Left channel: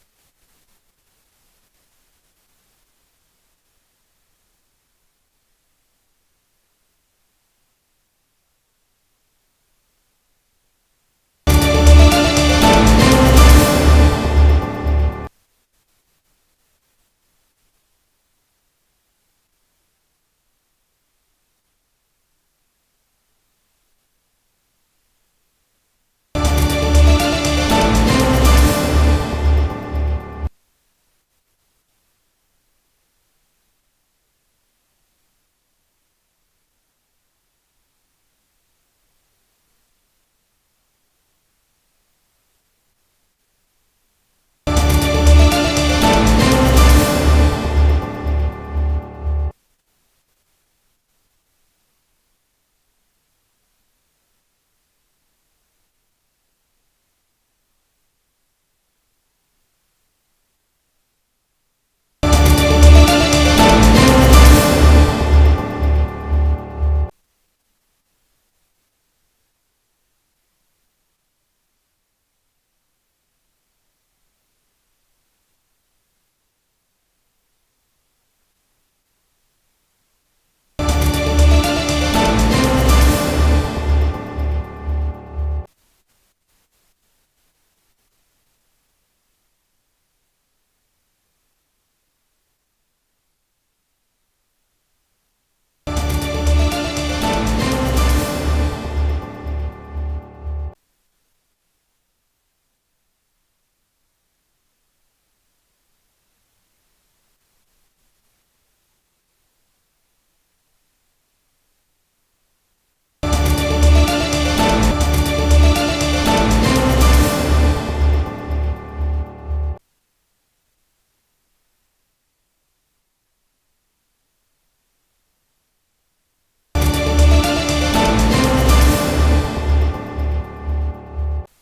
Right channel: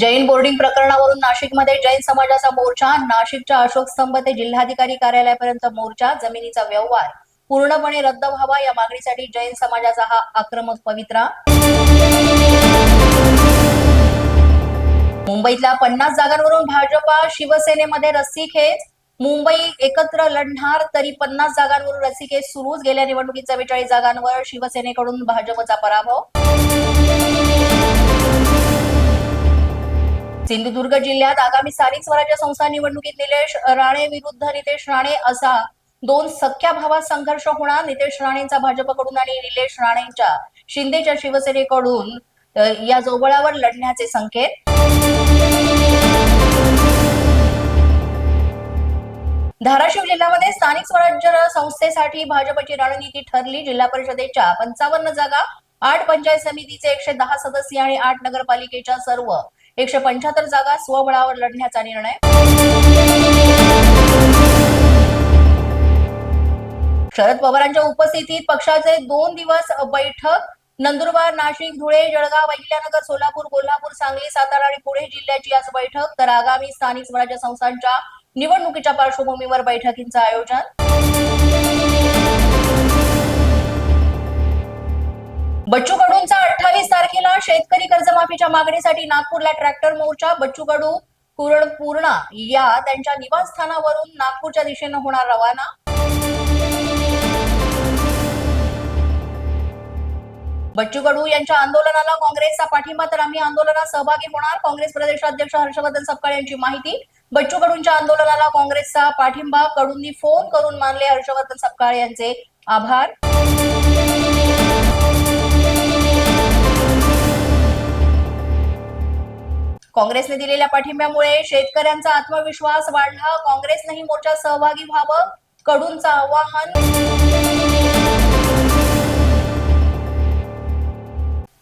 Jain boarding प्रकरणावरून नाशिकमध्ये जैन समाजाचा मोर्चा नाशिकच्या अशोक स्तंभ ते जिल्हाधिकारी कार्यालयापर्यंत मोर्चा जमिनीचा व्यवहार. पूर्णपणे रद्द व्हावा या मागणीसाठी जैन समाजाचा हा आक्रमक पवित्रा. मुंबईतल्या पन्नास जागांवरून भाजपा शिवसेनेमध्ये रस्सीखेच. मुंबई एकत्र लढणार तरी पन्नास जागांवरून रस्सीखेच सुरूच गेल्या निवडणुकीत चव्वेचाळीस जागांवर शिवसेनेकडून भाजपचा पराभव. सिंधुदुर्ग जिल्ह्यात आगामी स्थानिक स्वराज्य संस्था निवडणुकीत निलेश राणे विरुद्ध नितेश राणे असा दोन सख्या भावात संघर्ष होणार. नितेश राणेंचा भाजपकडून आणि निलेश राणेंच्या शिंदेच्या शिवसेनेकडून या जोबळावर लढण्याचे संकेत. धाराशिव जिल्ह्यामध्ये स्थानिक स्वराज्य संस्थेसाठी भाजपची रणनीती ठरली. जिल्हा परिषदेच्या पंचावन्न जागा आठ पंचायत समितीचे एकशे दहा सदस्य आणि आठ नगरपालिकेच्या सर्व एकशे पंच्याहत्तर जागा स्वबळावर लढण्याचा निर्णय. शरद पवारांच्या उपस्थितीत पक्षाचे दोन दिवस बैठक. नंदुरबार नाशिक धुळे जळगाव अहिल्यानगर सोलापूर कोल्हापूर सांगली सातारा आणि पुणे जिल्ह्याची आज बैठक. तर आगामी स्थानिक स्वराज्य संस्थांच्या निवडणुकीच्या पार्श्वभूमीवर बैठकींचं आयोजन. बच्चू कडूंचा अठ्ठावीस तारखेला शेतकरी कर्जमाफीच्या मागणीसाठी नागपूरला ट्रॅक्टर मोर्चा. बच्चू कडू पूर्णपूर्णा या त्यांच्या निवासस्थानावरून नागपूरच्या दिशेनं होणार रवाना. बच्चू कडू यांच्या आंदोलनाला काँग्रेसचा पाठिंबा तर आम्ही आंदोलनात सहभागी होणार. काँग्रेस प्रदेशाध्यक्ष हर्षवर्धन सपकाळ यांची माहिती. बच्चू कडूंच्या आंदोलनाला काँग्रेसचा पाठिंबा. कडूंनी फोन करून मानले हर्षवर्धन सपकाळ यांचे आभार. काँग्रेसने दिलेल्या पाठिंब्यामुळे शेतकऱ्यांचा आत्मविश्वास वाढला. काँग्रेसनेही मोर्चात सहभागी व्हावं कडूंचं आवाहन.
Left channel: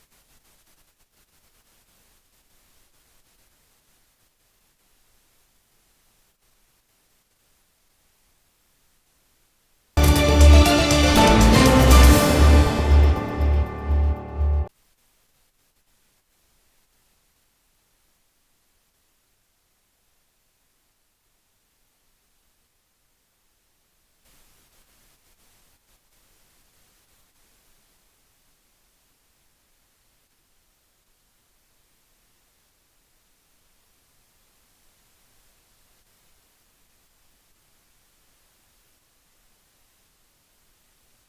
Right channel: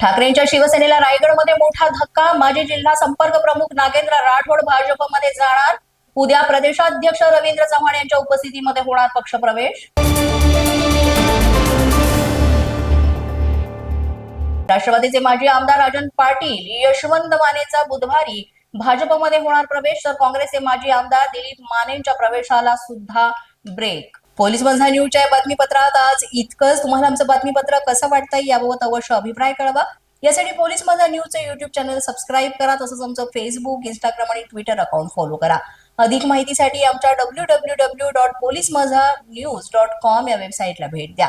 ठाकरेंच्या शिवसेनेला रायगडमध्ये मोठा धक्का माजी जिल्हा संपर्क प्रमुख नागेंद्र राठोड भाजपमध्ये जाणार. उद्या प्रदेशाध्यक्ष रवींद्र चव्हाण यांच्या उपस्थितीमध्ये होणार पक्षप्रवेश. राष्ट्रवादीचे माजी आमदार राजन पाटील यशवंत मानेचा बुधवारी भाजपमध्ये होणार प्रवेश तर काँग्रेसचे माजी आमदार दिलीप मानेंच्या प्रवेशाला सुद्धा ब्रेक पोलीस बंधा न्यूजच्या बातमीपत्रात आज इतकंच. तुम्हाला आमचं बातमीपत्र कसं वाटतंय याबाबत अवश्य अभिप्राय कळवा. यासाठी पोलीस माझा न्यूजचं युट्यूब चॅनल सबस्क्राईब करा तसंच आमचं फेसबुक इंस्टाग्राम आणि ट्विटर अकाउंट फॉलो करा. अधिक माहितीसाठी आमच्या W W W dot police Majha news dot com या वेबसाईटला भेट द्या.